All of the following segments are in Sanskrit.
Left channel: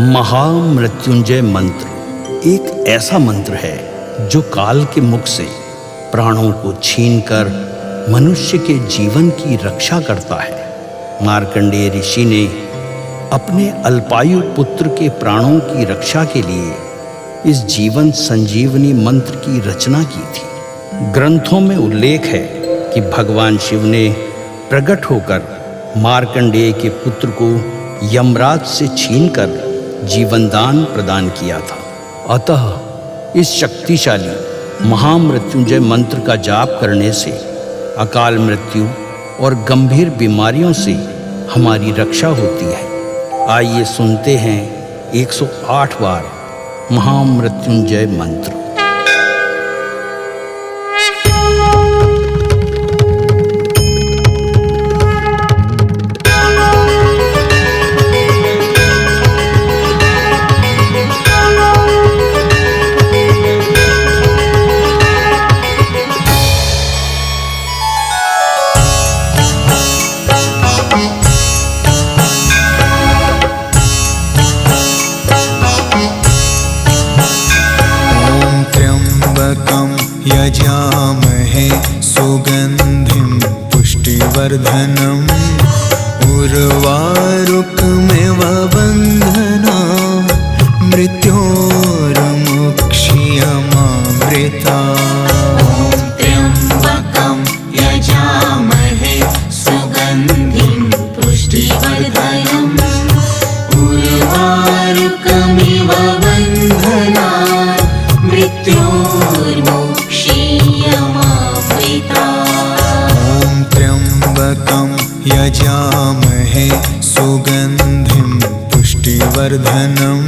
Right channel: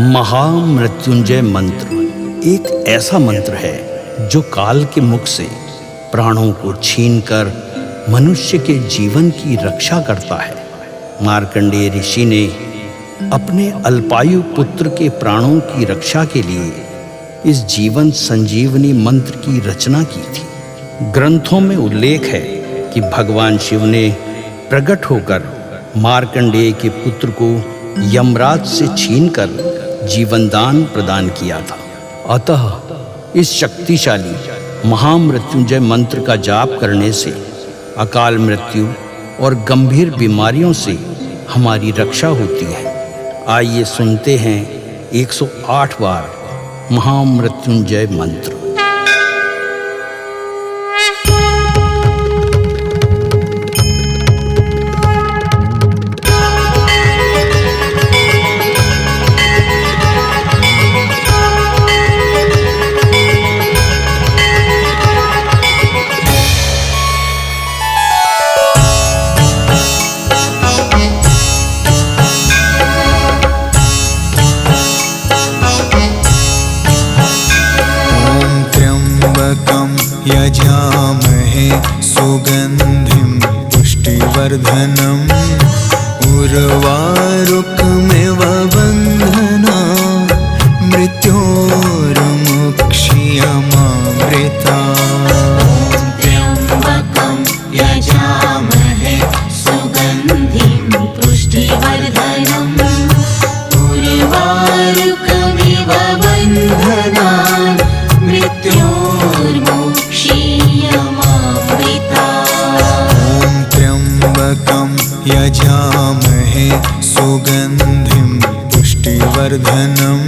महामृत्युंजय मंत्र एक ऐसा मंत्र है जो काल के मुख से प्राणों को छीनकर मनुष्य के जीवन की रक्षा करता है। मार्कंडेय ऋषि ने अपने अल्पायु पुत्र के प्राणों की रक्षा के लिए इस जीवन संजीवनी मंत्र की रचना की थी। ग्रंथों में उल्लेख है कि भगवान शिव ने प्रकट होकर मार्कंडेय के पुत्र को यमराज से छीनकर जीवनदान प्रदान किया था। अतः इस शक्तिशाली महामृत्युंजय मंत्र का जाप करने से अकाल मृत्यु और गंभीर बीमारियों से हमारी रक्षा होती है। आइए सुनते हैं 108 बार महामृत्युंजय मंत्र। यजामहे सुगन्धिं पुष्टिवर्धनम् उर्वारुकमिव बन्धना मृत्योर्मुक्ष्यमामृता। त्र्यम्बकं यजामहे सुगन्धिं पुष्टिवर्धनम् उर्वारुकमिव बन्धना त्र्यम्बकं यजामहे सुगन्धिं पुष्टिवर्धनम्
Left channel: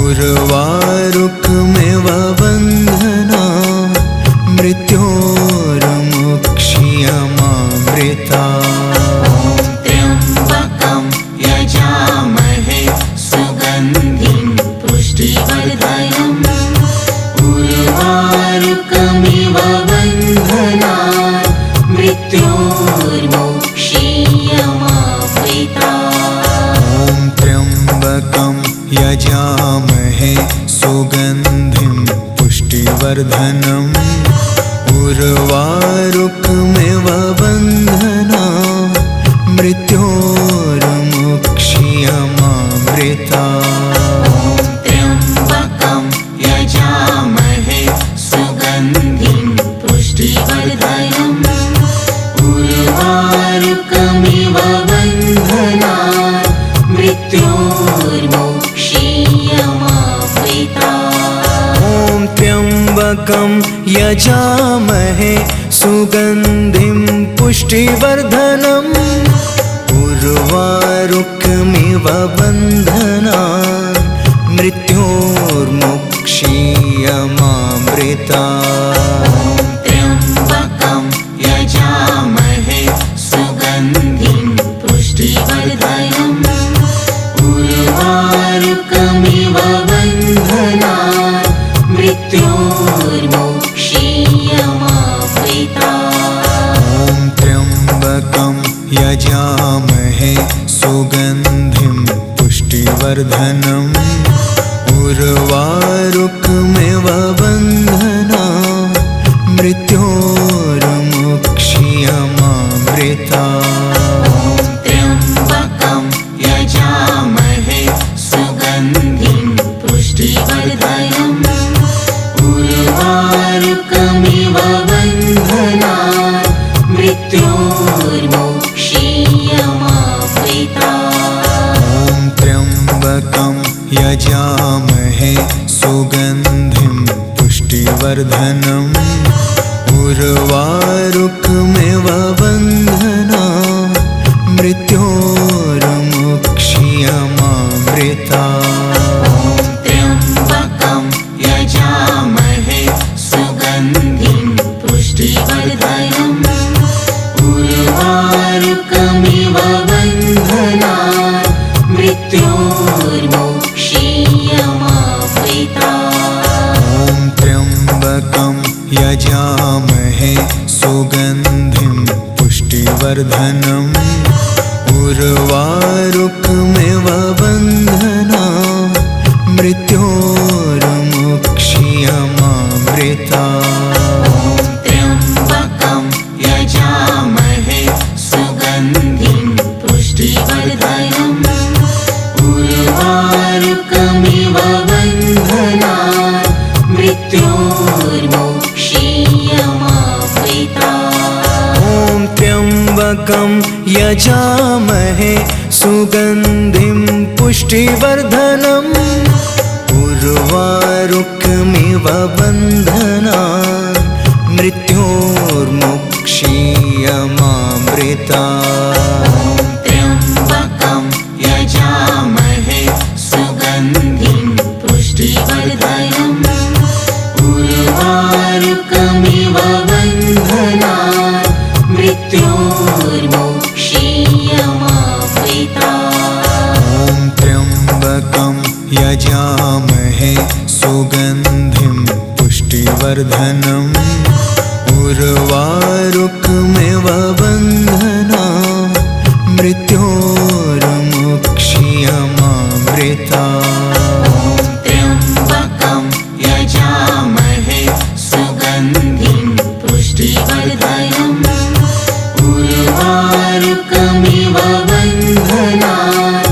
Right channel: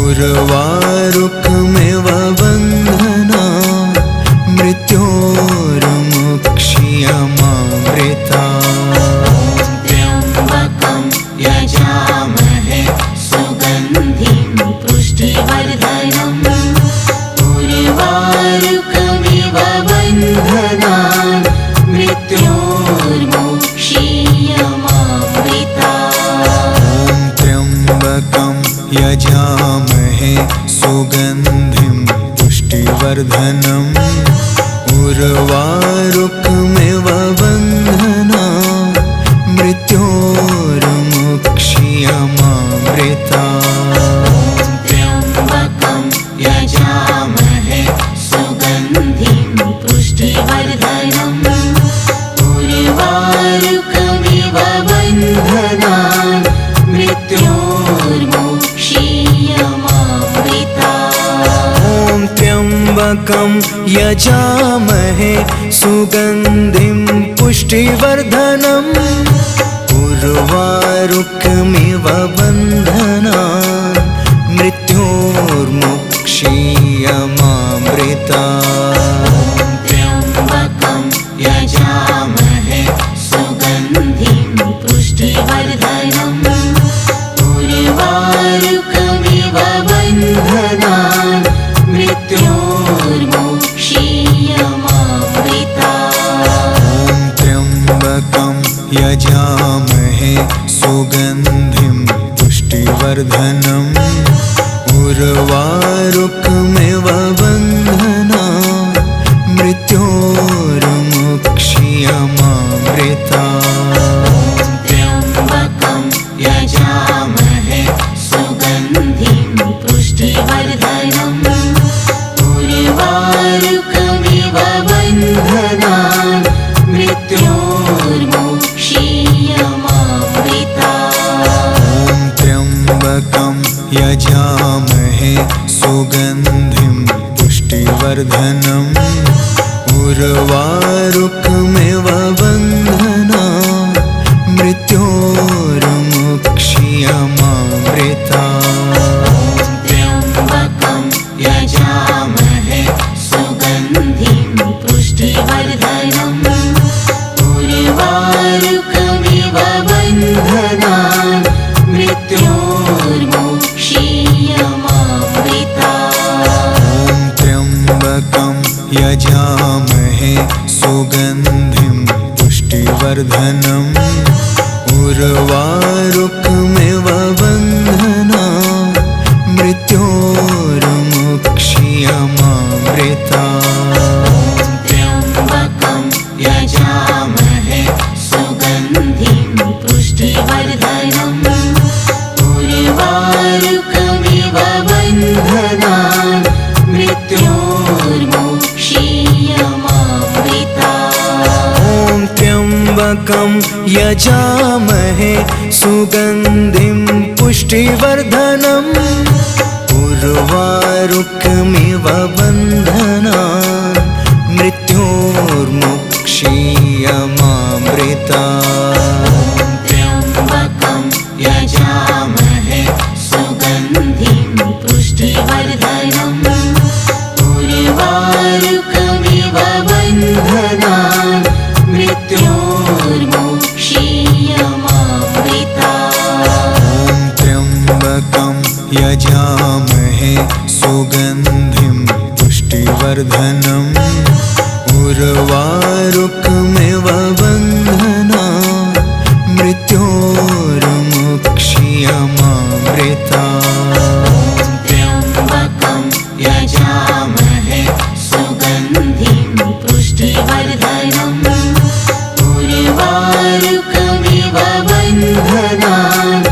उर्वारुकमिव बन्धना मृत्योर्मुक्ष्यमामृता। त्र्यम्बकं यजामहे सुगन्धिं पुष्टिवर्धनम् उर्वारुकमिव बन्धना मृत्योर्मुक्ष्यमामृता। त्र्यम्बकं यजामहे सुगन्धिं पुष्टिवर्धनम् उर्वारुकमिव बन्धना मृत्योर्मुक्ष्यमामृता। त्र्यम्बकं यजामहे सुगन्धिं पुष्टिवर्धनम् उर्वारुकमिव बन्धना मृत्योर्मुक्ष्यमामृता। त्र्यम्बकं यजामहे सुगन्धिं पुष्टिवर्धनम् उर्वारुकमिव बन्धना मृत्योर्मुक्ष्यमामृता। त्र्यम्बकं यजामहे सुगन्धिं पुष्टिवर्धनम् उर्वारुकमिव बन्धना मृत्योर्मुक्ष्यमामृता। त्र्यम्बकं यजामहे सुगन्धिं पुष्टिवर्धनम् उर्वारुकमिव बन्धना मृत्योर्मुक्ष्यमामृता। त्र्यम्बकं यजामहे सुगन्धिं पुष्टिवर्धनम् उर्वारुकमिव बन्धना मृत्योर्मुक्ष्यमामृता। त्र्यम्बकं यजामहे सुगन्धिं पुष्टिवर्धनम् उर्वारुकमिव बन्धना मृत्योर्मुक्ष्यमामृता। त्र्यम्बकं यजामहे सुगन्धिं पुष्टिवर्धनम् उर्वारुकमिव बन्धना मृत्योर्मुक्ष्यमामृता। त्र्यम्बकं यजामहे सुगन्धिं पुष्टिवर्धनम् उर्वारुकमिव बन्धना मृत्योर्मुक्षीयमामृता त्र्यम्बकं यजामहे सुगन्धिं पुष्टिवर्धनम् उर्वारुकमिव बन्धनान् मृत्योर्मुक्षीयमामृता ॐ त्र्यम्बकं यजामहे सुगन्धिं पुष्टिवर्धनम् उर्वारुकमिव बन्धनान् मृत्योर्मुक्षीयमामृता त्र्यम्बकं यजामहे सुगन्धिं पुष्टिवर्धनम् उर्वारुकमिव बन्धनान् मृत्योर्मुक्षीयमामृता ॐ त्र्यम्बकं यजामहे सुगन्धिं पुष्टिवर्धनम् उर्वारुकमिव बन्धनान् मृत्योर्मुक्षीयमामृता त्र्यम्बकं यजामहे सुगन्धिं पुष्टिवर्धनम् उर्वारुकमिव बन्धनान्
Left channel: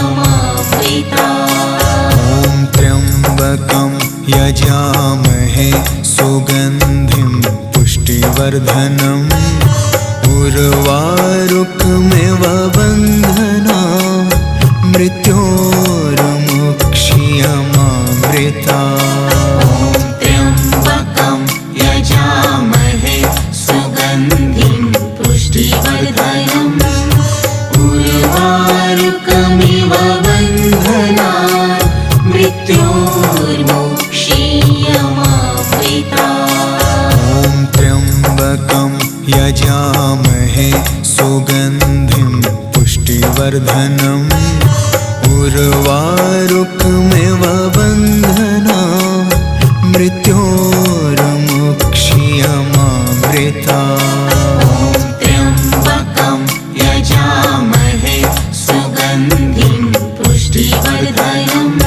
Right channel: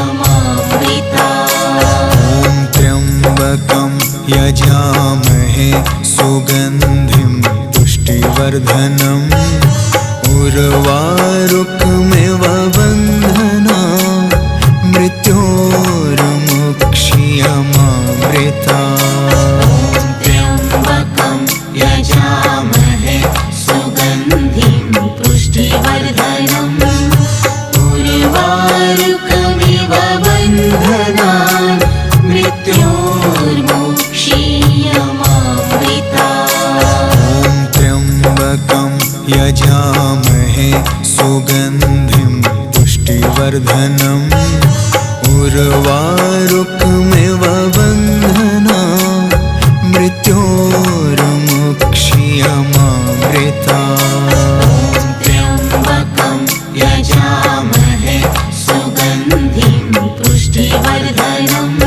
मृत्योर्मुक्षीयमामृता ॐ त्र्यम्बकं यजामहे सुगन्धिं पुष्टिवर्धनम् उर्वारुकमिव बन्धनान् मृत्योर्मुक्षीयमामृता त्र्यम्बकं यजामहे सुगन्धिं पुष्टिवर्धनम् उर्वारुकमिव बन्धनान् मृत्योर्मुक्षीयमामृता ॐ त्र्यम्बकं यजामहे सुगन्धिं पुष्टिवर्धनम् उर्वारुकमिव बन्धनान् मृत्योर्मुक्षीयमामृता त्र्यम्बकं यजामहे सुगन्धिं पुष्टिवर्धनम्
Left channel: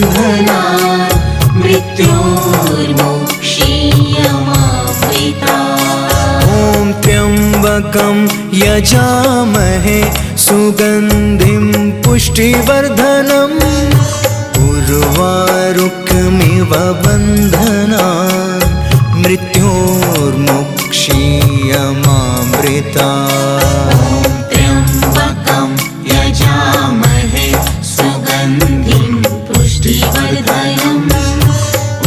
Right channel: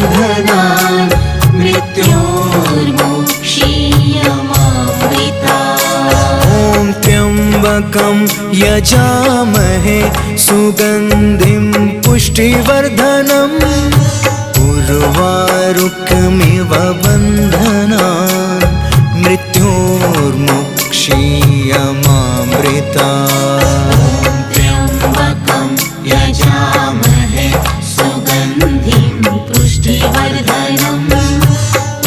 उर्वारुकमिव बन्धनान् मृत्योर्मुक्षीयमामृता ॐ त्र्यम्बकं यजामहे सुगन्धिं पुष्टिवर्धनम् उर्वारुकमिव बन्धनान् मृत्योर्मुक्षीयमामृता त्र्यम्बकं यजामहे सुगन्धिं पुष्टिवर्धनम्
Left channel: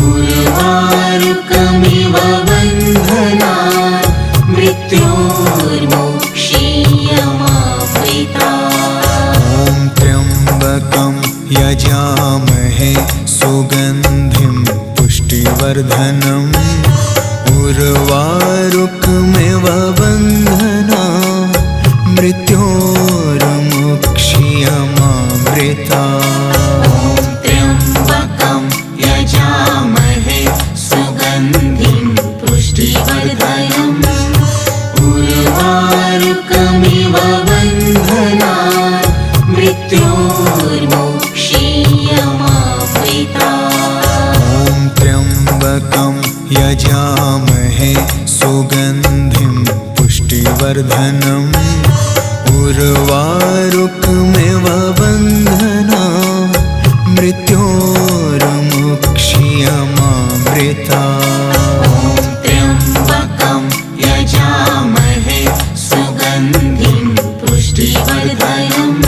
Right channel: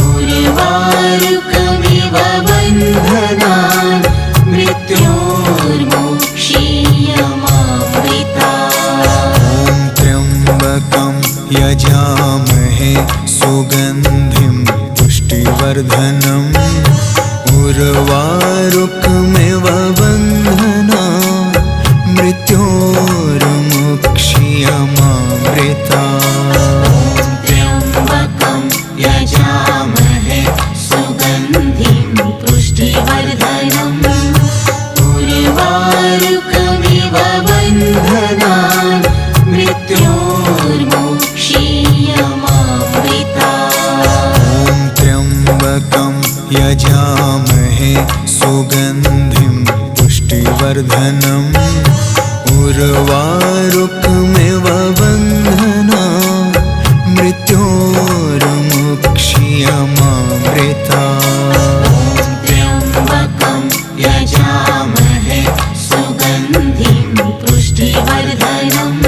उर्वारुकमिव बन्धनान् मृत्योर्मुक्षीयमामृता ॐ त्र्यम्बकं यजामहे सुगन्धिं पुष्टिवर्धनम् उर्वारुकमिव बन्धनान् मृत्योर्मुक्षीयमामृता त्र्यम्बकं यजामहे सुगन्धिं पुष्टिवर्धनम् उर्वारुकमिव बन्धनान् मृत्योर्मुक्षीयमामृता ॐ त्र्यम्बकं यजामहे सुगन्धिं पुष्टिवर्धनम् उर्वारुकमिव बन्धनान् मृत्योर्मुक्षीयमामृता त्र्यम्बकं यजामहे सुगन्धिं पुष्टिवर्धनम्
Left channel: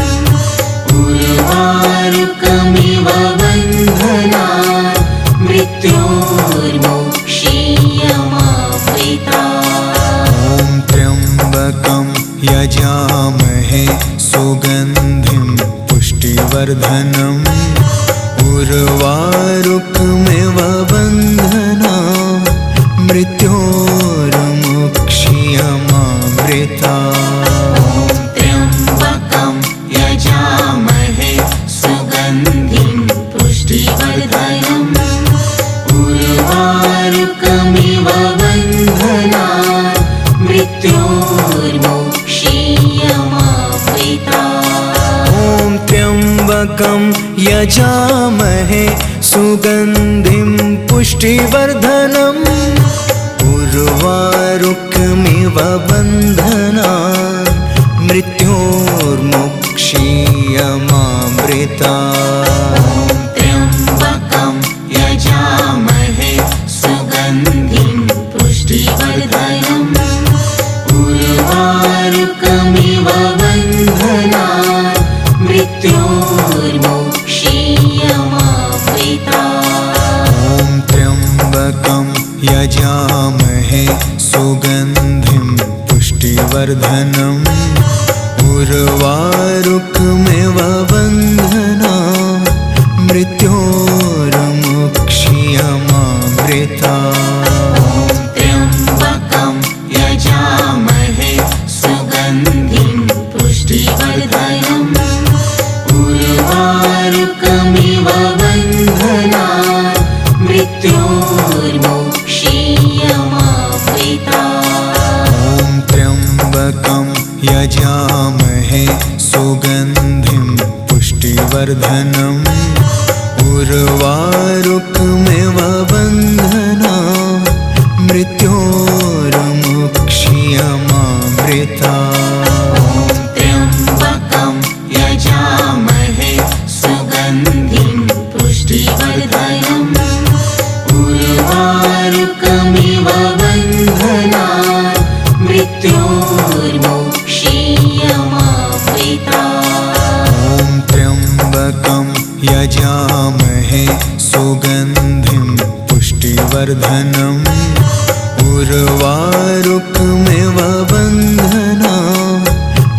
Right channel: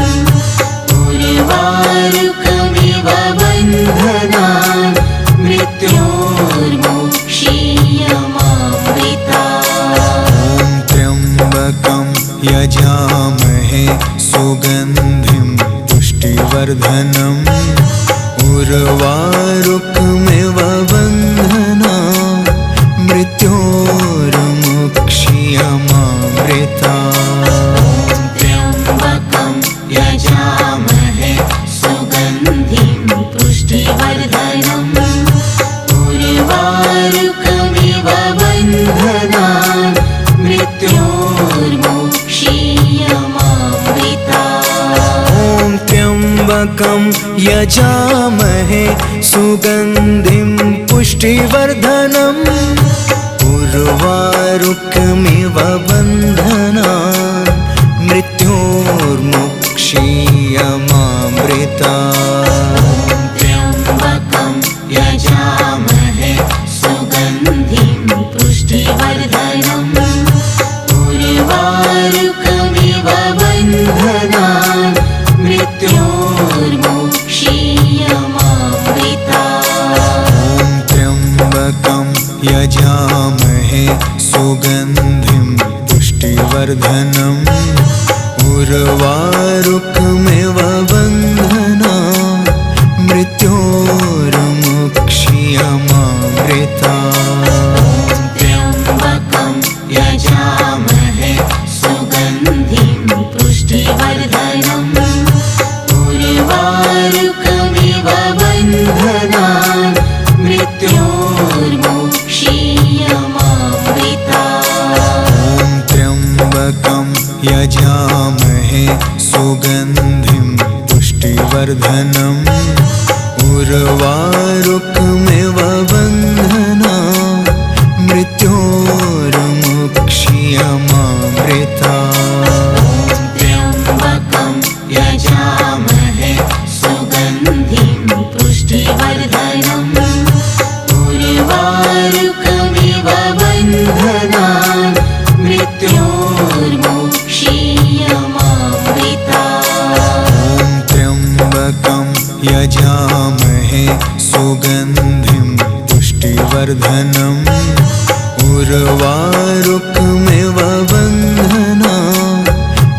उर्वारुकमिव बन्धनान् मृत्योर्मुक्षीयमामृता ॐ त्र्यम्बकं यजामहे सुगन्धिं पुष्टिवर्धनम् उर्वारुकमिव बन्धनान् मृत्योर्मुक्षीयमामृता त्र्यम्बकं यजामहे सुगन्धिं पुष्टिवर्धनम् उर्वारुकमिव बन्धनान् मृत्योर्मुक्षीयमामृता त्र्यम्बकं यजामहे सुगन्धिं पुष्टिवर्धनम् उर्वारुकमिव बन्धनान् मृत्योर्मुक्षीयमामृतात्। त्र्यम्बकं यजामहे सुगन्धिं पुष्टिवर्धनम् उर्वारुकमिव बन्धनान् मृत्योर्मुक्षीयमामृतात्। ॐ त्र्यम्बकं यजामहे सुगन्धिं पुष्टिवर्धनम् उर्वारुकमिव बन्धनान् मृत्योर्मुक्षीयमामृतात्। त्र्यम्बकं यजामहे सुगन्धिं पुष्टिवर्धनम् उर्वारुकमिव बन्धनान् मृत्योर्मुक्षीयमामृतात्। ॐ त्र्यम्बकं यजामहे सुगन्धिं पुष्टिवर्धनम् उर्वारुकमिव बन्धनान् मृत्योर्मुक्षीयमामृतात्। त्र्यम्बकं यजामहे सुगन्धिं पुष्टिवर्धनम् उर्वारुकमिव बन्धनान् मृत्योर्मुक्षीयमामृतात्। ॐ त्र्यम्बकं यजामहे सुगन्धिं पुष्टिवर्धनम् उर्वारुकमिव बन्धनान्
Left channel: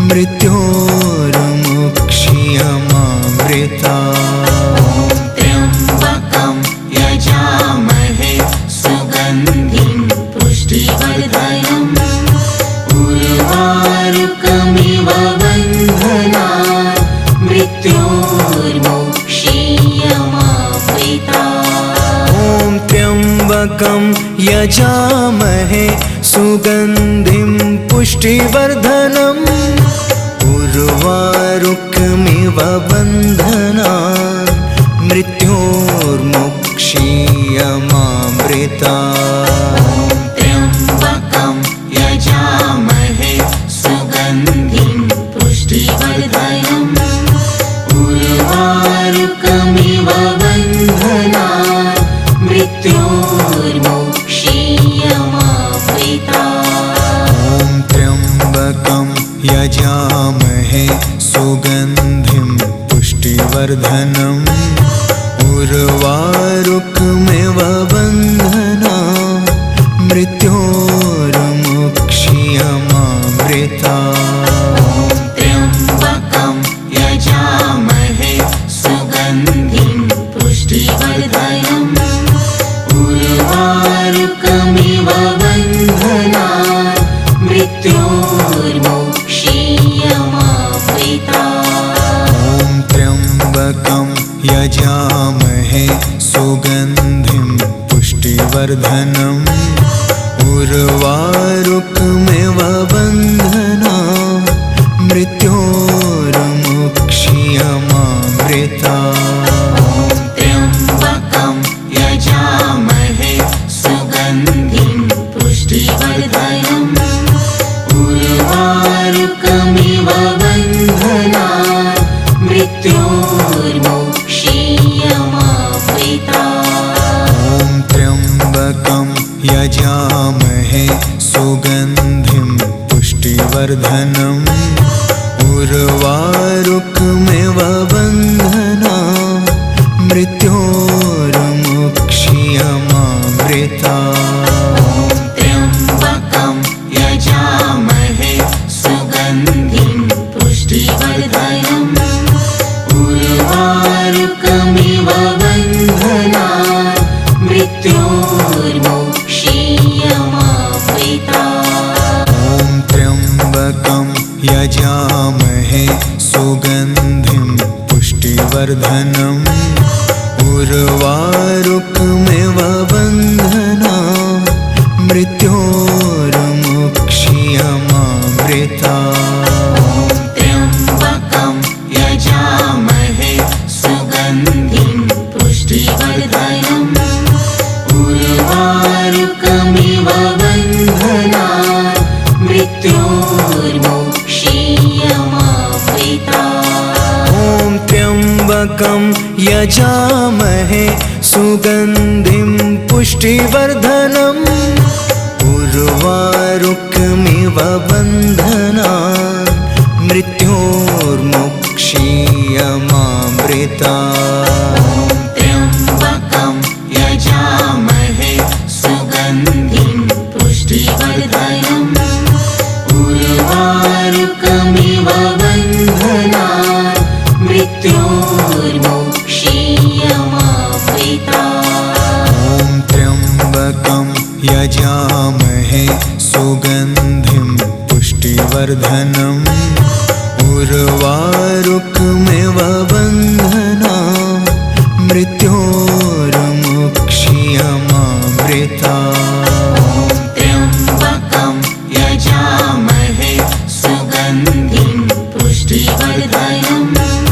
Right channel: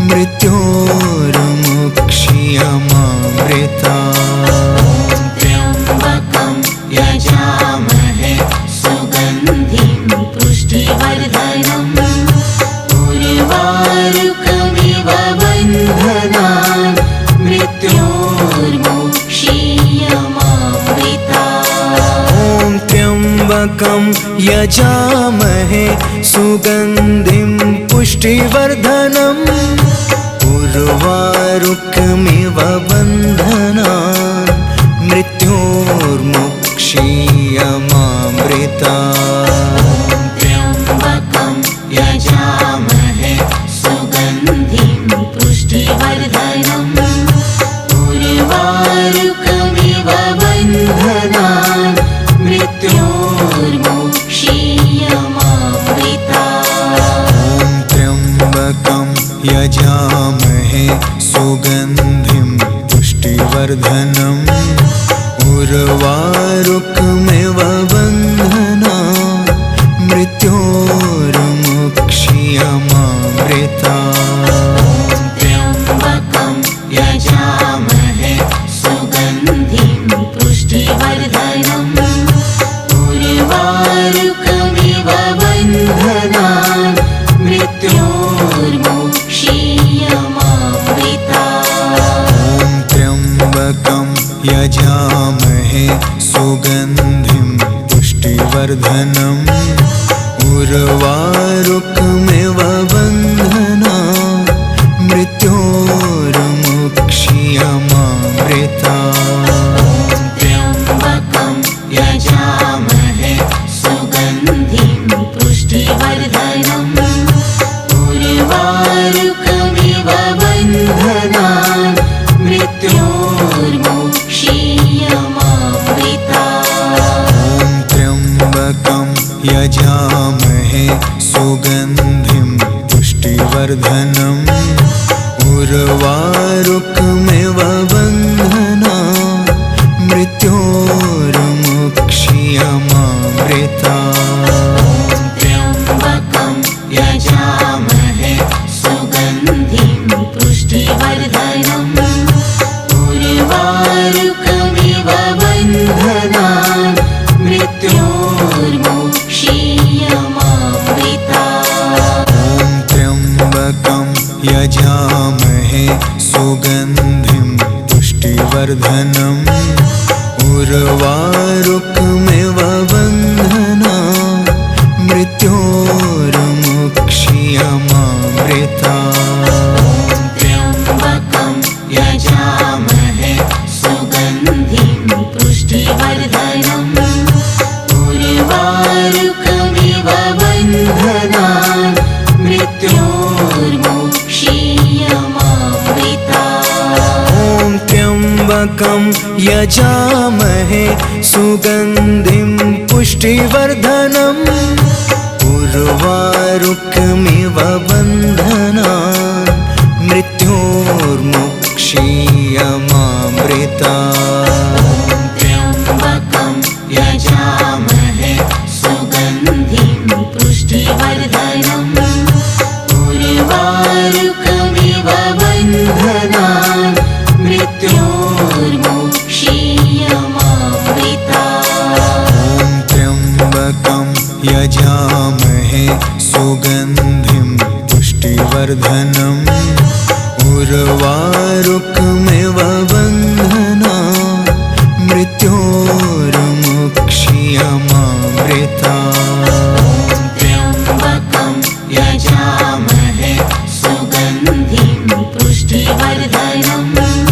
मृत्योर्मुक्षीयमामृतात्। त्र्यम्बकं यजामहे सुगन्धिं पुष्टिवर्धनम् उर्वारुकमिव बन्धनान् मृत्योर्मुक्षीयमामृतात्। ॐ त्र्यम्बकं यजामहे सुगन्धिं पुष्टिवर्धनम् उर्वारुकमिव बन्धनान् मृत्योर्मुक्षीयमामृतात्। त्र्यम्बकं यजामहे सुगन्धिं पुष्टिवर्धनम् उर्वारुकमिव बन्धनान् मृत्योर्मुक्षीयमामृतात्। ॐ त्र्यम्बकं यजामहे सुगन्धिं पुष्टिवर्धनम् उर्वारुकमिव बन्धनान् मृत्योर्मुक्षीयमामृतात्। त्र्यम्बकं यजामहे सुगन्धिं पुष्टिवर्धनम् उर्वारुकमिव बन्धनान् मृत्योर्मुक्षीयमामृतात्। ॐ त्र्यम्बकं यजामहे सुगन्धिं पुष्टिवर्धनम् उर्वारुकमिव बन्धनान् मृत्योर्मुक्षीयमामृतात्। त्र्यम्बकं यजामहे सुगन्धिं पुष्टिवर्धनम् उर्वारुकमिव बन्धनान् मृत्योर्मुक्षीयमामृतात्। ॐ त्र्यम्बकं यजामहे सुगन्धिं पुष्टिवर्धनम् उर्वारुकमिव बन्धनान् मृत्योर्मुक्षीयमामृतात्। त्र्यम्बकं यजामहे सुगन्धिं पुष्टिवर्धनम् उर्वारुकमिव बन्धनान् मृत्योर्मुक्षीयमामृतात्। ॐ त्र्यम्बकं यजामहे सुगन्धिं पुष्टिवर्धनम् उर्वारुकमिव बन्धनान् मृत्योर्मुक्षीयमामृतात्। त्र्यम्बकं यजामहे त्र्यम्बकं यजामहे सुगन्धिं पुष्टिवर्धनम् उर्वारुकमिव बन्धनान् मृत्योर्मुक्षीयमामृतात्। त्र्यम्बकं यजामहे सुगन्धिं पुष्टिवर्धनम् उर्वारुकमिव बन्धनान् मृत्योर्मुक्षीयमामृतात्। ॐ त्र्यम्बकं यजामहे सुगन्धिं पुष्टिवर्धनम् उर्वारुकमिव बन्धनान् मृत्योर्मुक्षीयमामृतात्। त्र्यम्बकं यजामहे सुगन्धिं पुष्टिवर्धनम्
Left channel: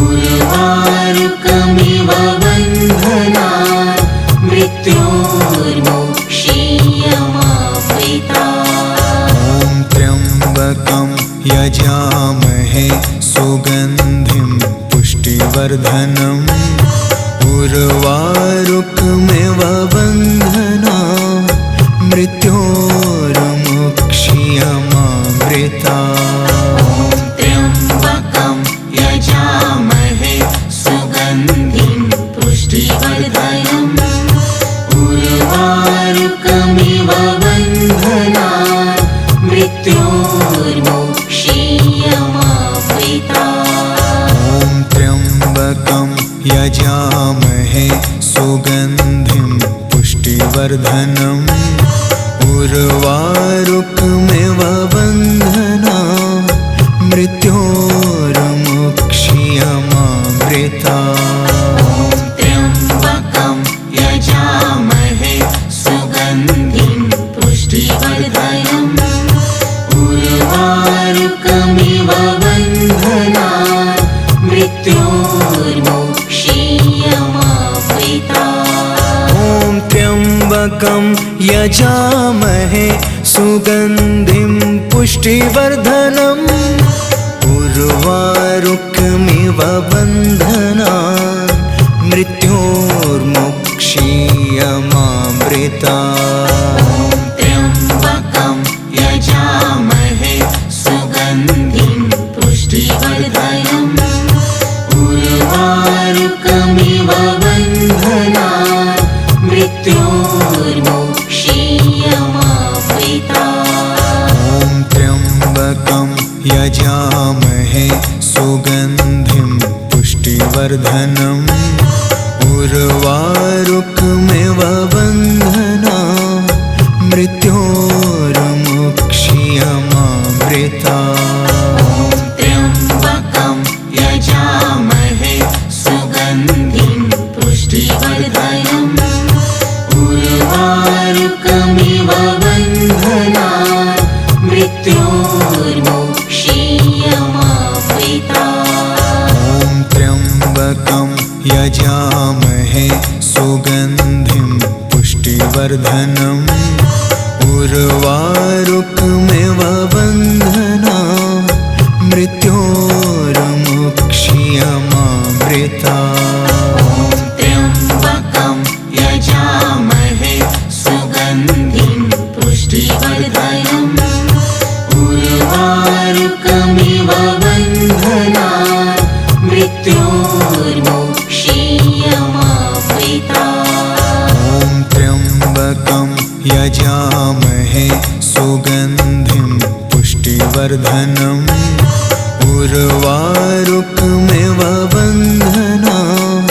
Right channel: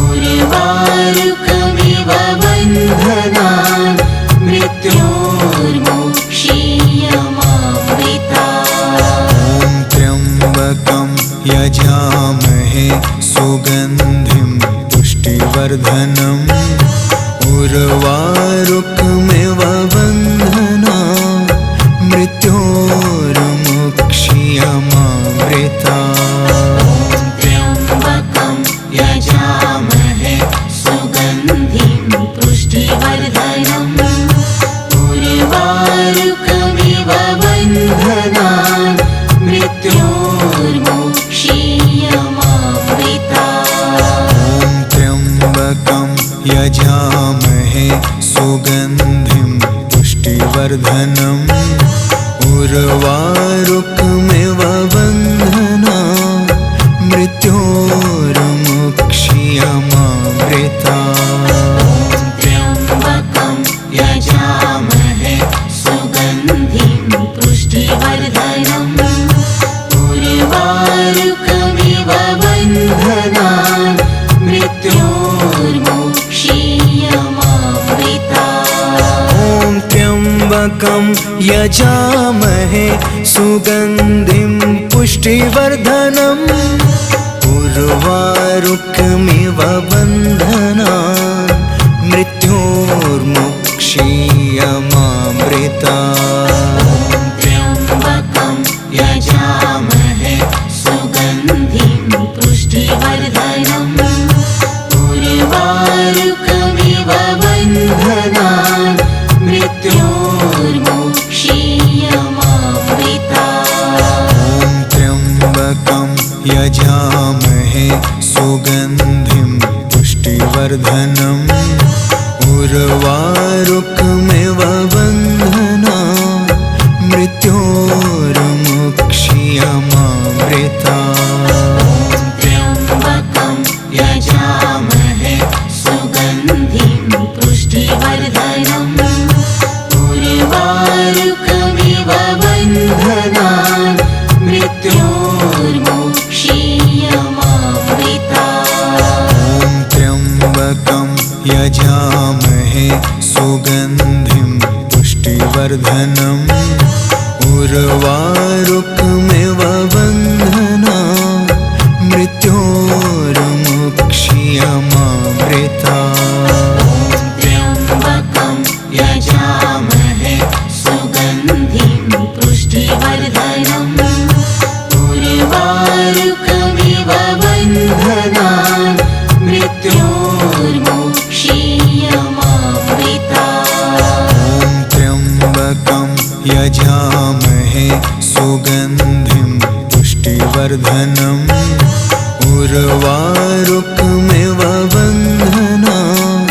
उर्वारुकमिव बन्धनान् मृत्योर्मुक्षीयमामृतात्। ॐ त्र्यम्बकं यजामहे सुगन्धिं पुष्टिवर्धनम् उर्वारुकमिव बन्धनान् मृत्योर्मुक्षीयमामृतात्। त्र्यम्बकं यजामहे सुगन्धिं पुष्टिवर्धनम् उर्वारुकमिव बन्धनान् मृत्योर्मुक्षीयमामृतात्। ॐ त्र्यम्बकं यजामहे सुगन्धिं पुष्टिवर्धनम् उर्वारुकमिव बन्धनान् मृत्योर्मुक्षीयमामृतात्। त्र्यम्बकं यजामहे सुगन्धिं पुष्टिवर्धनम् उर्वारुकमिव बन्धनान् मृत्योर्मुक्षीयमामृतात्। ॐ त्र्यम्बकं यजामहे सुगन्धिं पुष्टिवर्धनम् उर्वारुकमिव बन्धनान् मृत्योर्मुक्षीयमामृतात्। त्र्यम्बकं यजामहे सुगन्धिं पुष्टिवर्धनम् उर्वारुकमिव बन्धनान् मृत्योर्मुक्षीयमामृतात्। ॐ त्र्यम्बकं यजामहे सुगन्धिं पुष्टिवर्धनम् उर्वारुकमिव बन्धनान् मृत्योर्मुक्षीयमामृतात्। त्र्यम्बकं यजामहे सुगन्धिं पुष्टिवर्धनम् उर्वारुकमिव बन्धनान् मृत्योर्मुक्षीयमामृतात्। ॐ त्र्यम्बकं यजामहे सुगन्धिं पुष्टिवर्धनम् उर्वारुकमिव बन्धनान् मृत्योर्मुक्षीयमामृतात्। त्र्यम्बकं यजामहे सुगन्धिं पुष्टिवर्धनम् उर्वारुकमिव बन्धनान् मृत्योर्मुक्षीयमामृतात्। ॐ त्र्यम्बकं यजामहे सुगन्धिं पुष्टिवर्धनम् उर्वारुकमिव बन्धनान्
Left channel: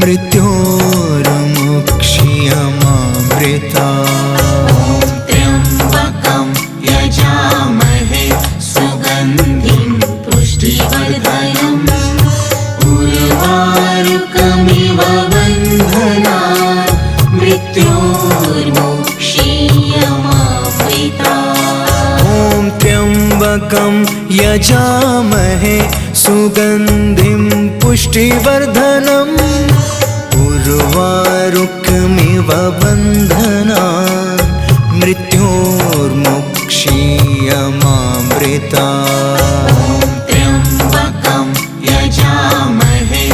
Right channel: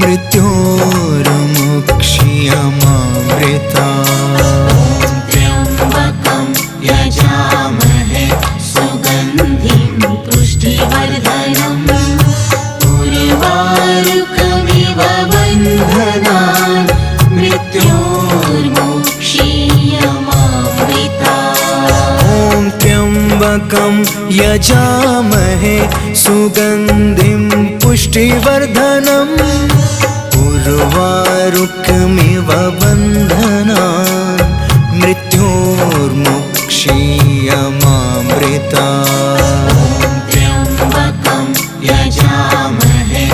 मृत्योर्मुक्षीयमामृतात्। त्र्यम्बकं यजामहे सुगन्धिं पुष्टिवर्धनम् उर्वारुकमिव बन्धनान् मृत्योर्मुक्षीयमामृतात्। ॐ त्र्यम्बकं यजामहे सुगन्धिं पुष्टिवर्धनम् उर्वारुकमिव बन्धनान् मृत्योर्मुक्षीयमामृतात्। त्र्यम्बकं यजामहे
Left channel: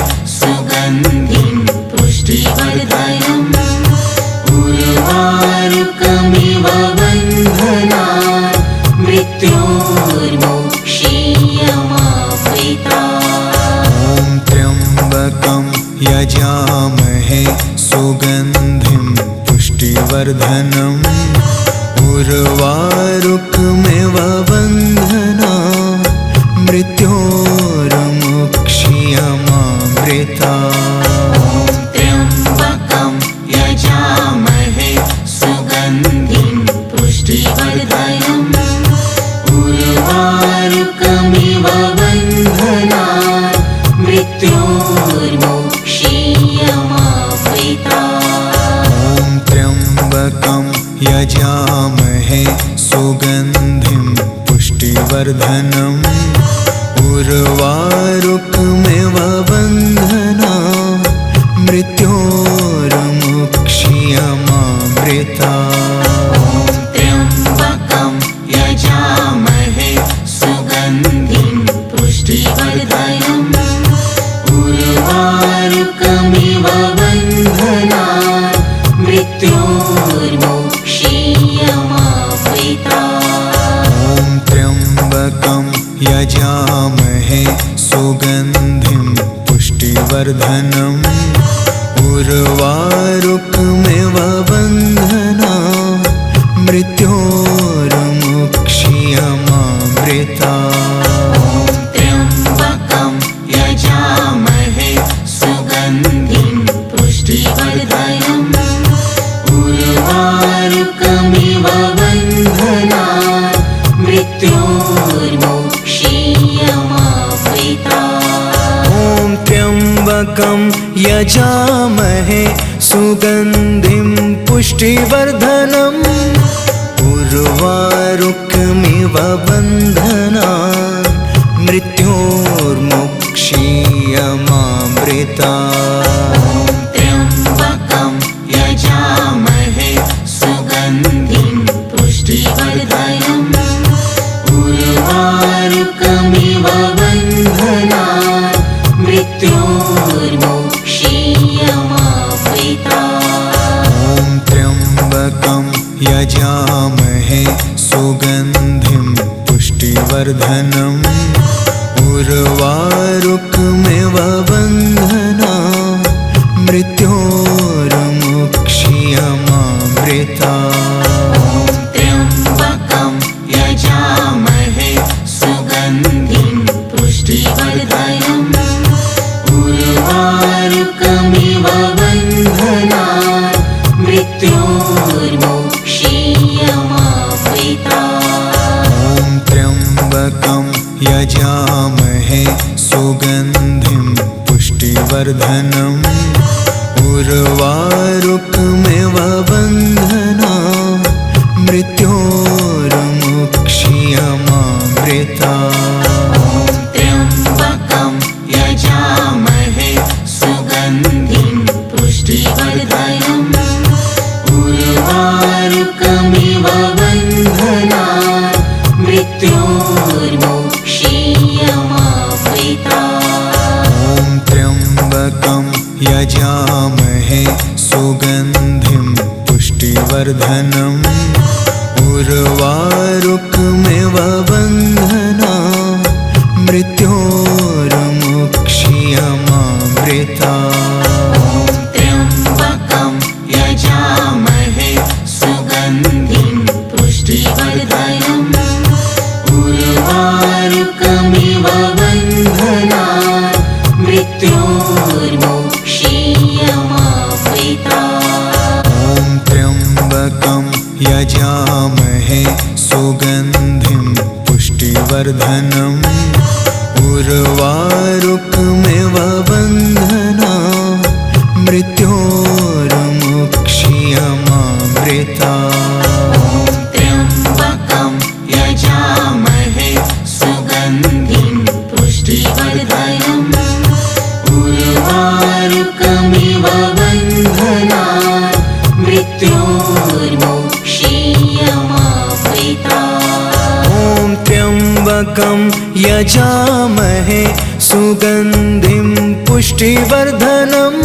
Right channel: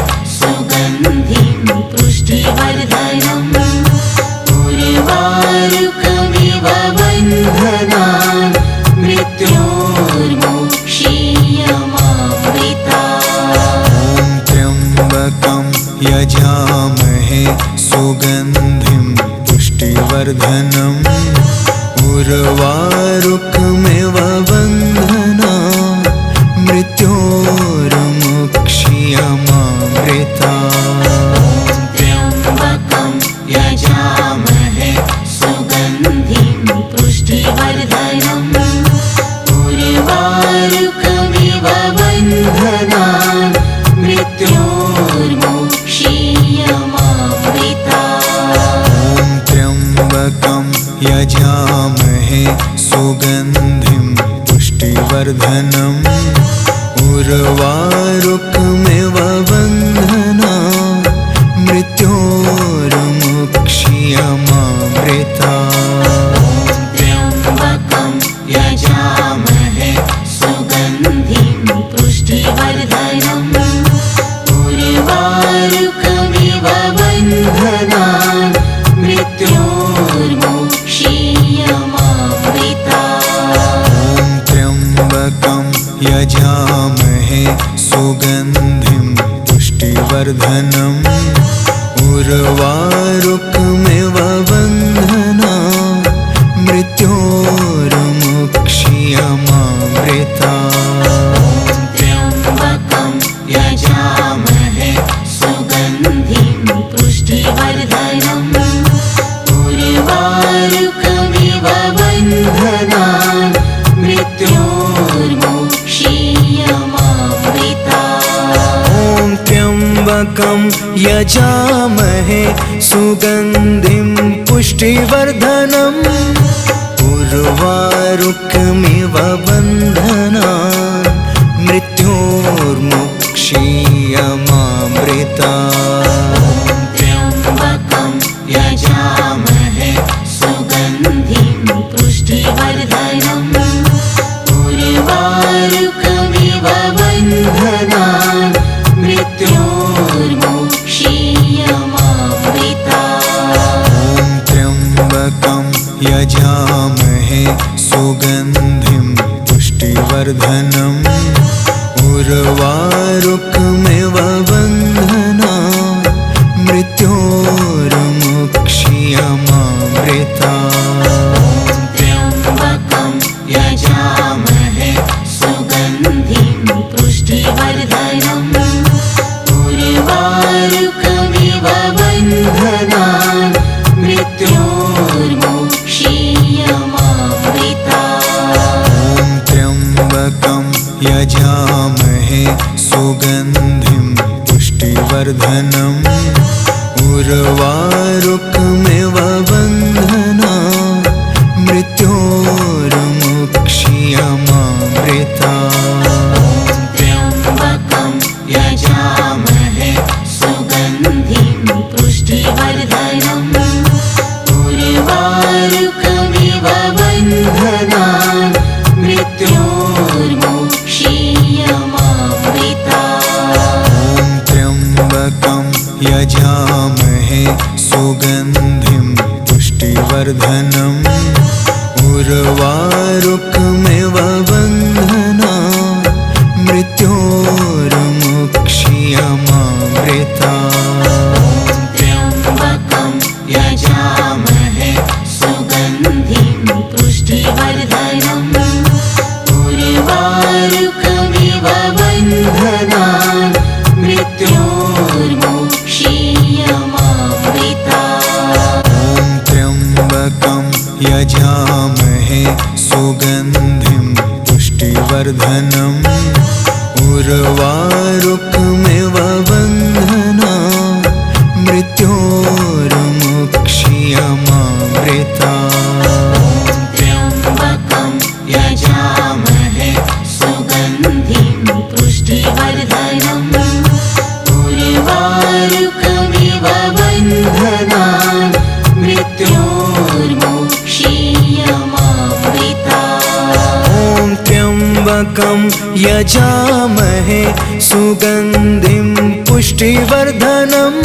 उर्वारुकमिव बन्धना मृत्योर्मुक्षीयमामृता त्र्यम्बकं यजामहे सुगन्धिं पुष्टिवर्धनम् उर्वारुकमिव बन्धनान् मृत्योर्मुक्षीयमामृता ॐ त्र्यम्बकं यजामहे सुगन्धिं पुष्टिवर्धनम् उर्वारुकमिव बन्धना मृत्योर्मुक्षीयमामृता त्र्यम्बकं यजामहे सुगन्धिं पुष्टिवर्धनम् उर्वारुकमिव बन्धनान् मृत्योर्मुक्षीयमामृता ॐ त्र्यम्बकं यजामहे सुगन्धिं पुष्टिवर्धनम् उर्वारुकमिव बन्धना मृत्योर्मुक्षीयमामृता त्र्यम्बकं यजामहे सुगन्धिं पुष्टिवर्धनम् उर्वारुकमिव बन्धनान् मृत्योर्मुक्षीयमामृता ॐ त्र्यम्बकं यजामहे सुगन्धिं पुष्टिवर्धनम् उर्वारुकमिव बन्धनान् मृत्योर्मुक्षीयमामृता त्र्यम्बकं यजामहे सुगन्धिं पुष्टिवर्धनम् उर्वारुकमिव बन्धनान् मृत्योर्मुक्षीयमामृता ॐ त्र्यम्बकं यजामहे सुगन्धिं पुष्टिवर्धनम् उर्वारुकमिव बन्धना मृत्योर्मुक्षीयमामृता त्र्यम्बकं यजामहे सुगन्धिं पुष्टिवर्धनम् उर्वारुकमिव बन्धनान् मृत्योर्मुक्षीयमामृता ॐ त्र्यम्बकं यजामहे सुगन्धिं पुष्टिवर्धनम् उर्वारुकमिव बन्धना मृत्योर्मुक्षीयमामृता त्र्यम्बकं यजामहे सुगन्धिं पुष्टिवर्धनम् उर्वारुकमिव बन्धनान् मृत्योर्मुक्षीयमामृता ॐ त्र्यम्बकं यजामहे सुगन्धिं पुष्टिवर्धनम् उर्वारुकमिव बन्धना मृत्योर्मुक्षीयमामृता त्र्यम्बकं यजामहे सुगन्धिं पुष्टिवर्धनम् उर्वारुकमिव बन्धनान् मृत्योर्मुक्षीयमामृता ॐ त्र्यम्बकं यजामहे सुगन्धिं पुष्टिवर्धनम् उर्वारुकमिव बन्धना मृत्योर्मुक्षीयमामृता त्र्यम्बकं यजामहे सुगन्धिं पुष्टिवर्धनम् उर्वारुकमिव बन्धनान् मृत्योर्मुक्षीयमामृता ॐ त्र्यम्बकं यजामहे सुगन्धिं पुष्टिवर्धनम्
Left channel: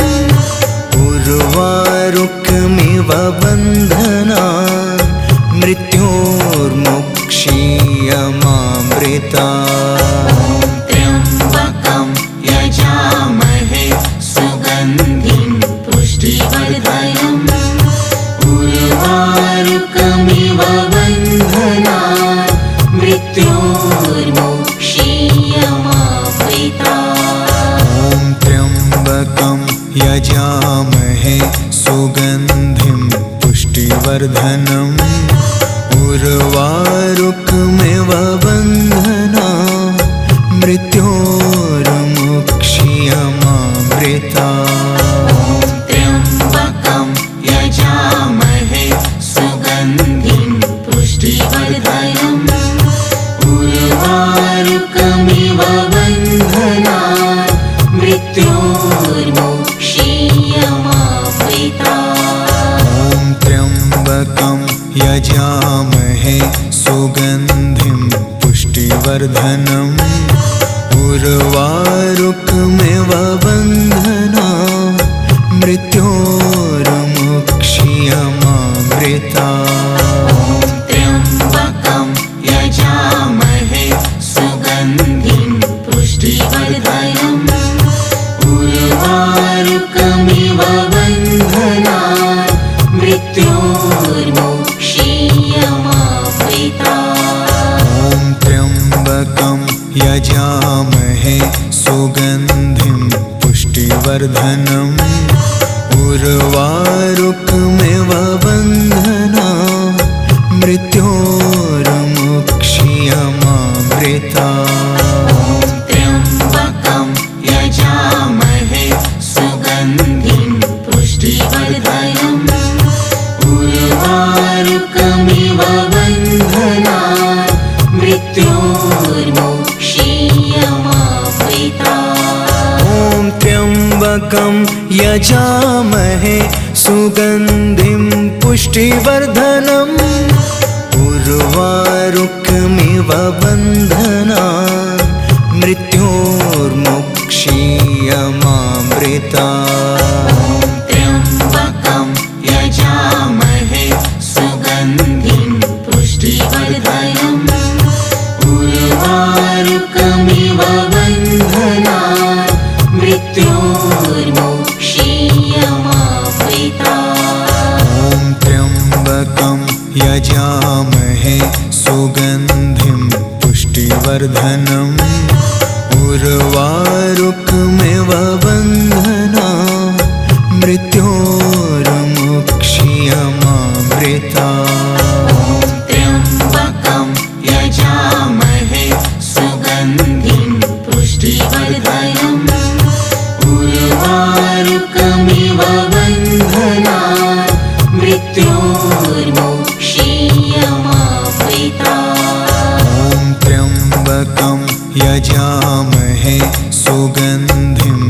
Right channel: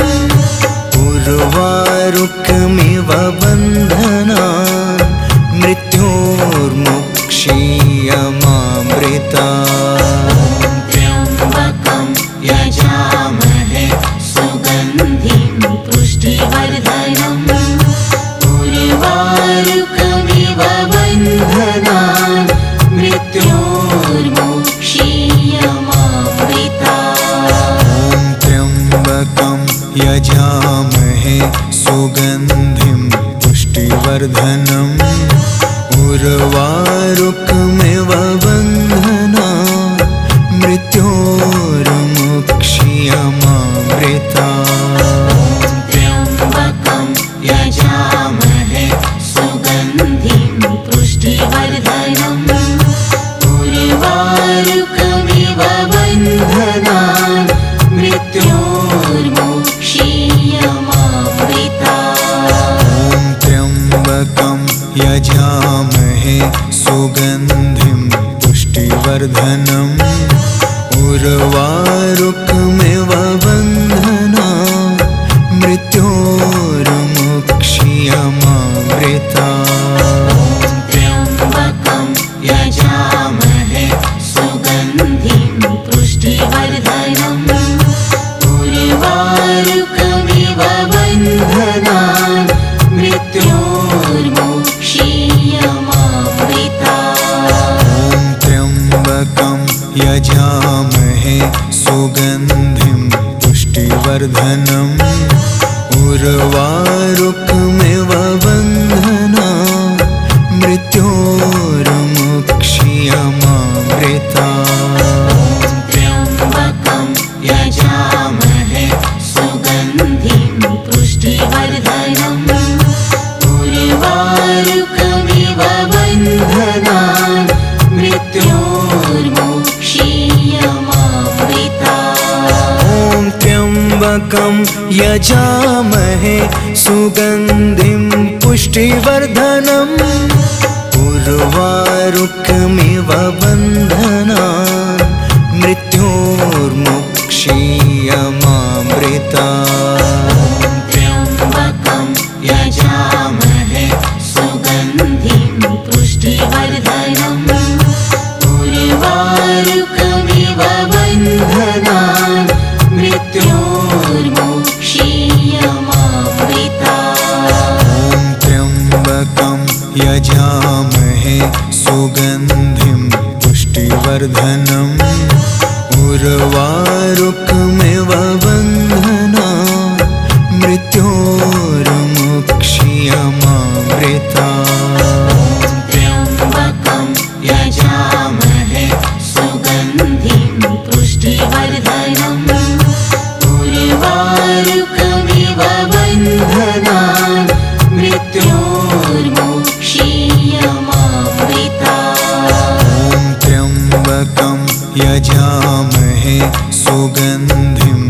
उर्वारुकमिव बन्धनान् मृत्योर्मुक्षीयमामृता त्र्यम्बकं यजामहे सुगन्धिं पुष्टिवर्धनम् उर्वारुकमिव बन्धनान् मृत्योर्मुक्षीयमामृता। ॐ त्र्यम्बकं यजामहे सुगन्धिं पुष्टिवर्धनम् उर्वारुकमिव बन्धनान् मृत्योर्मुक्षीयमामृता। त्र्यम्बकं यजामहे सुगन्धिं पुष्टिवर्धनम् उर्वारुकमिव बन्धनान् मृत्योर्मुक्षीयमामृता। ॐ त्र्यम्बकं यजामहे सुगन्धिं पुष्टिवर्धनम् उर्वारुकमिव बन्धनान् मृत्योर्मुक्षीयमामृता। त्र्यम्बकं यजामहे सुगन्धिं पुष्टिवर्धनम् उर्वारुकमिव बन्धनान् मृत्योर्मुक्षीयमामृता। ॐ त्र्यम्बकं यजामहे सुगन्धिं पुष्टिवर्धनम् उर्वारुकमिव बन्धनान् मृत्योर्मुक्षीयमामृता। त्र्यम्बकं यजामहे सुगन्धिं पुष्टिवर्धनम् उर्वारुकमिव बन्धनान् मृत्योर्मुक्षीयमामृता। ॐ त्र्यम्बकं यजामहे सुगन्धिं पुष्टिवर्धनम् उर्वारुकमिव बन्धनान् मृत्योर्मुक्षीयमामृता। त्र्यम्बकं यजामहे सुगन्धिं पुष्टिवर्धनम् उर्वारुकमिव बन्धनान् मृत्योर्मुक्षीयमामृता। ॐ त्र्यम्बकं यजामहे सुगन्धिं पुष्टिवर्धनम् उर्वारुकमिव बन्धनान् मृत्योर्मुक्षीयमामृता। त्र्यम्बकं यजामहे सुगन्धिं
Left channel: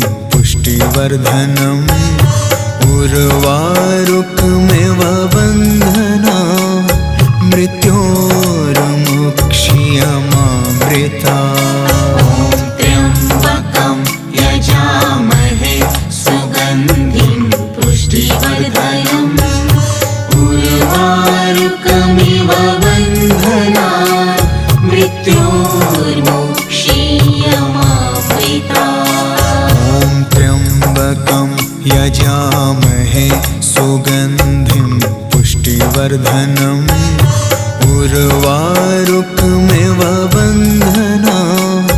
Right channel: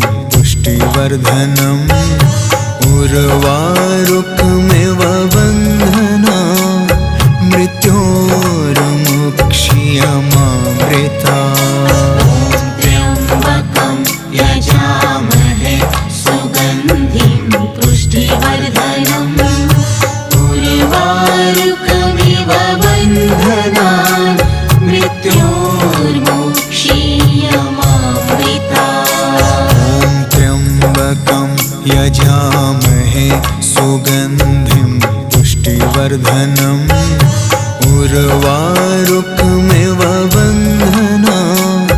पुष्टिवर्धनम् उर्वारुकमिव बन्धनान् मृत्योर्मुक्षीयमामृता। ॐ त्र्यम्बकं यजामहे सुगन्धिं पुष्टिवर्धनम् उर्वारुकमिव बन्धनान् मृत्योर्मुक्षीयमामृता। त्र्यम्बकं यजामहे सुगन्धिं पुष्टिवर्धनम् उर्वारुकमिव बन्धनान् मृत्योर्मुक्षीयमामृता। ॐ त्र्यम्बकं यजामहे सुगन्धिं पुष्टिवर्धनम् उर्वारुकमिव बन्धनान्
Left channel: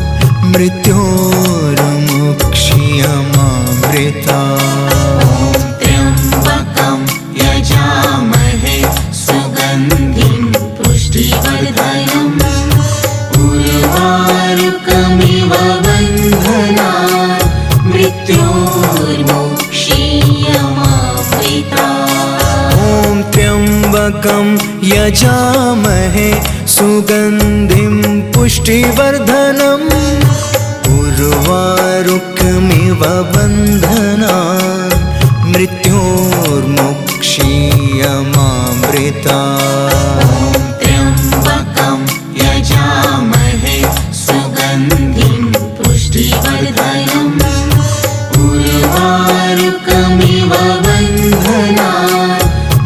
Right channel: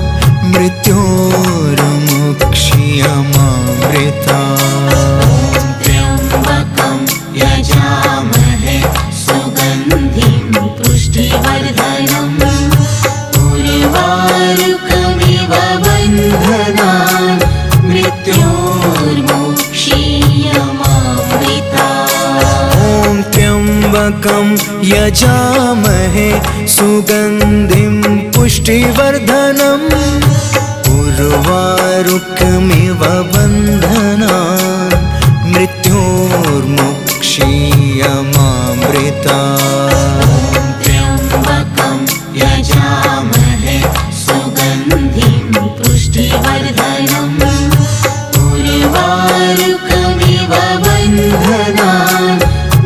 मृत्योर्मुक्षीयमामृता। त्र्यम्बकं यजामहे सुगन्धिं पुष्टिवर्धनम् उर्वारुकमिव बन्धनान् मृत्योर्मुक्षीयमामृता। ॐ त्र्यम्बकं यजामहे सुगन्धिं पुष्टिवर्धनम् उर्वारुकमिव बन्धनान् मृत्योर्मुक्षीयमामृता। त्र्यम्बकं यजामहे सुगन्धिं पुष्टिवर्धनम् उर्वारुकमिव बन्धनान्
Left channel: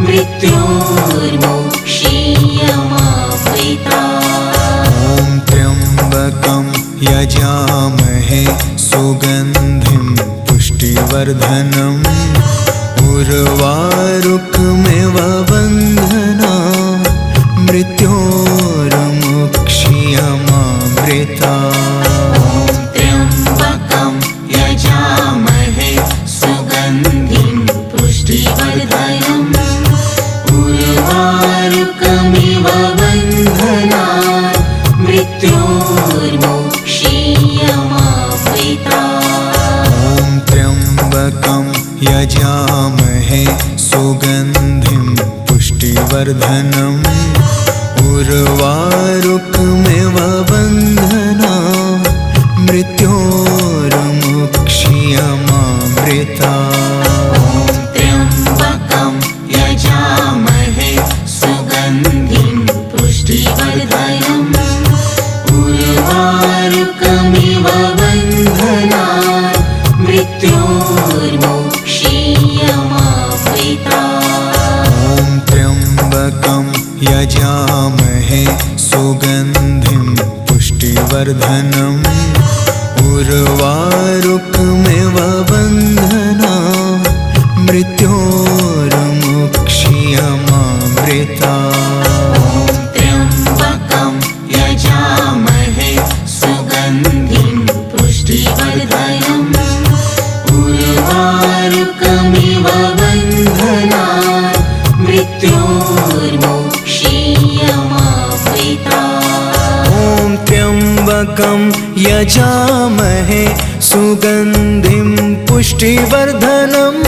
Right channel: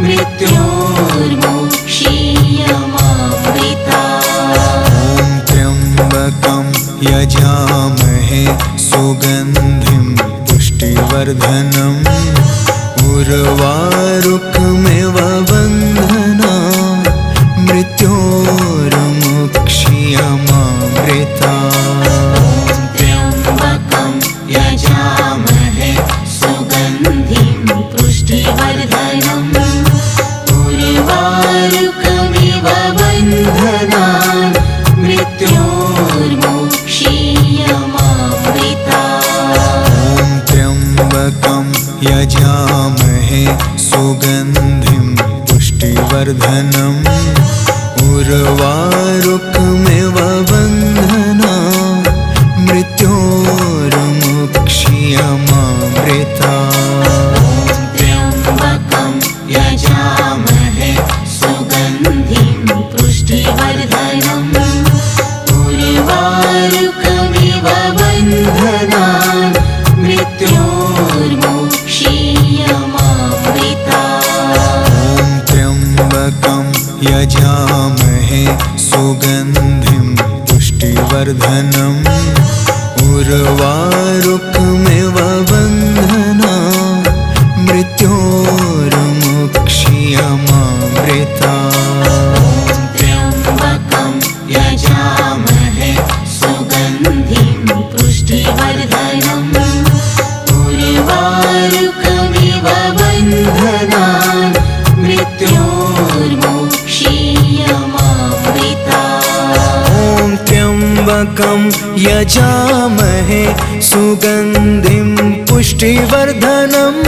मृत्योर्मुक्षीयमामृता। ॐ त्र्यम्बकं यजामहे सुगन्धिं पुष्टिवर्धनम् उर्वारुकमिव बन्धनान् मृत्योर्मुक्षीयमामृता। क्षीयमामृता। त्र्यम्बकं यजामहे सुगन्धिं पुष्टिवर्धनम् उर्वारुकमिव बन्धनान् मृत्योर्मुक्षीयमामृता। ॐ त्र्यम्बकं यजामहे सुगन्धिं पुष्टिवर्धनम् उर्वारुकमिव बन्धनान् मृत्योर्मुक्षीयमामृता। त्र्यम्बकं यजामहे सुगन्धिं पुष्टिवर्धनम् उर्वारुकमिव बन्धनान् मृत्योर्मुक्षीयमामृता। ॐ त्र्यम्बकं यजामहे सुगन्धिं पुष्टिवर्धनम् उर्वारुकमिव बन्धनान् मृत्योर्मुक्षीयमामृता। त्र्यम्बकं यजामहे सुगन्धिं पुष्टिवर्धनम् उर्वारुकमिव बन्धनान् मृत्योर्मुक्षीयमामृता। ॐ त्र्यम्बकं यजामहे सुगन्धिं पुष्टिवर्धनम्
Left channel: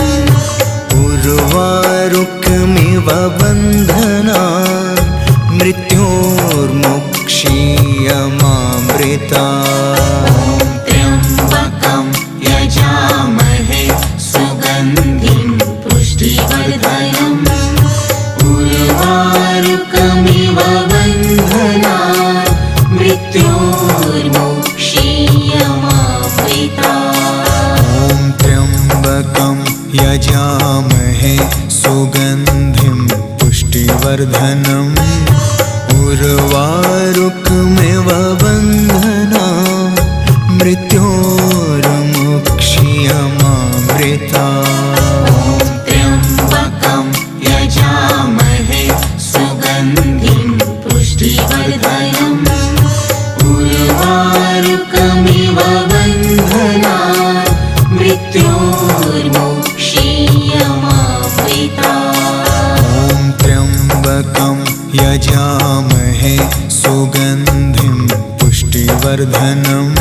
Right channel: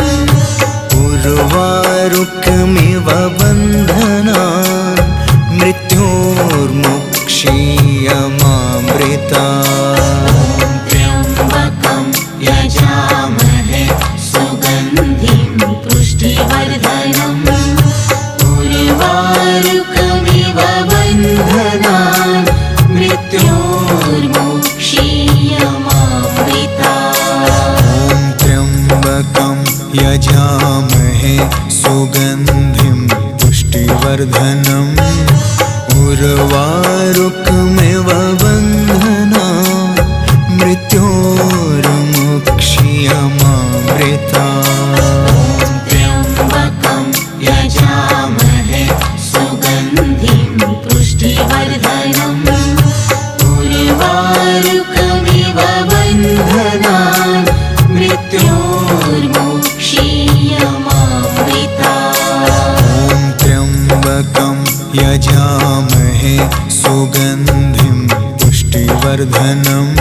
उर्वारुकमिव बन्धनान् मृत्योर्मुक्षीयमामृता। त्र्यम्बकं यजामहे सुगन्धिं पुष्टिवर्धनम् उर्वारुकमिव बन्धनान् मृत्योर्मुक्षीयमामृता। ॐ त्र्यम्बकं यजामहे सुगन्धिं पुष्टिवर्धनम् उर्वारुकमिव बन्धनान् मृत्योर्मुक्षीयमामृता। त्र्यम्बकं यजामहे सुगन्धिं पुष्टिवर्धनम् उर्वारुकमिव बन्धनान् मृत्योर्मुक्षीयमामृता। ॐ त्र्यम्बकं यजामहे सुगन्धिं पुष्टिवर्धनम्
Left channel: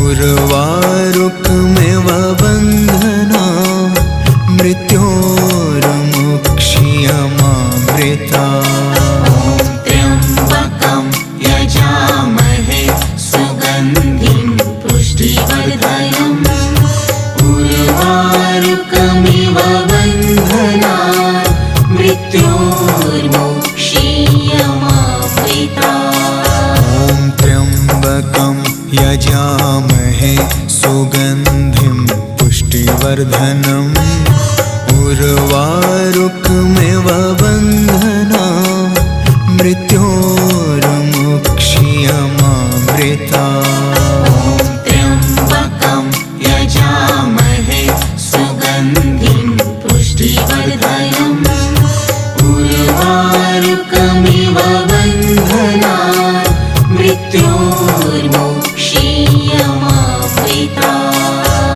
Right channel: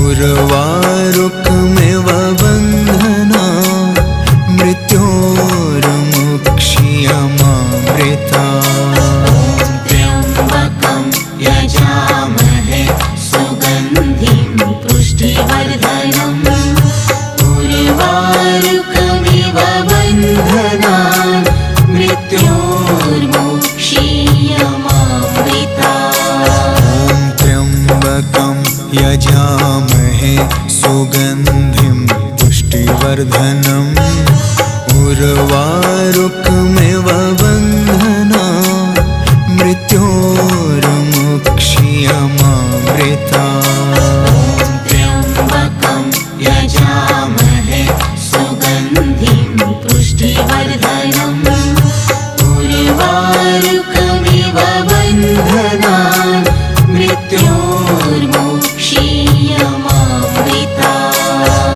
उर्वारुकमिव बन्धनान् मृत्योर्मुक्षीयमामृता। त्र्यम्बकं यजामहे सुगन्धिं पुष्टिवर्धनम् उर्वारुकमिव बन्धनान् मृत्योर्मुक्षीयमामृता। ॐ त्र्यम्बकं यजामहे सुगन्धिं पुष्टिवर्धनम् उर्वारुकमिव बन्धनान् मृत्योर्मुक्षीयमामृता।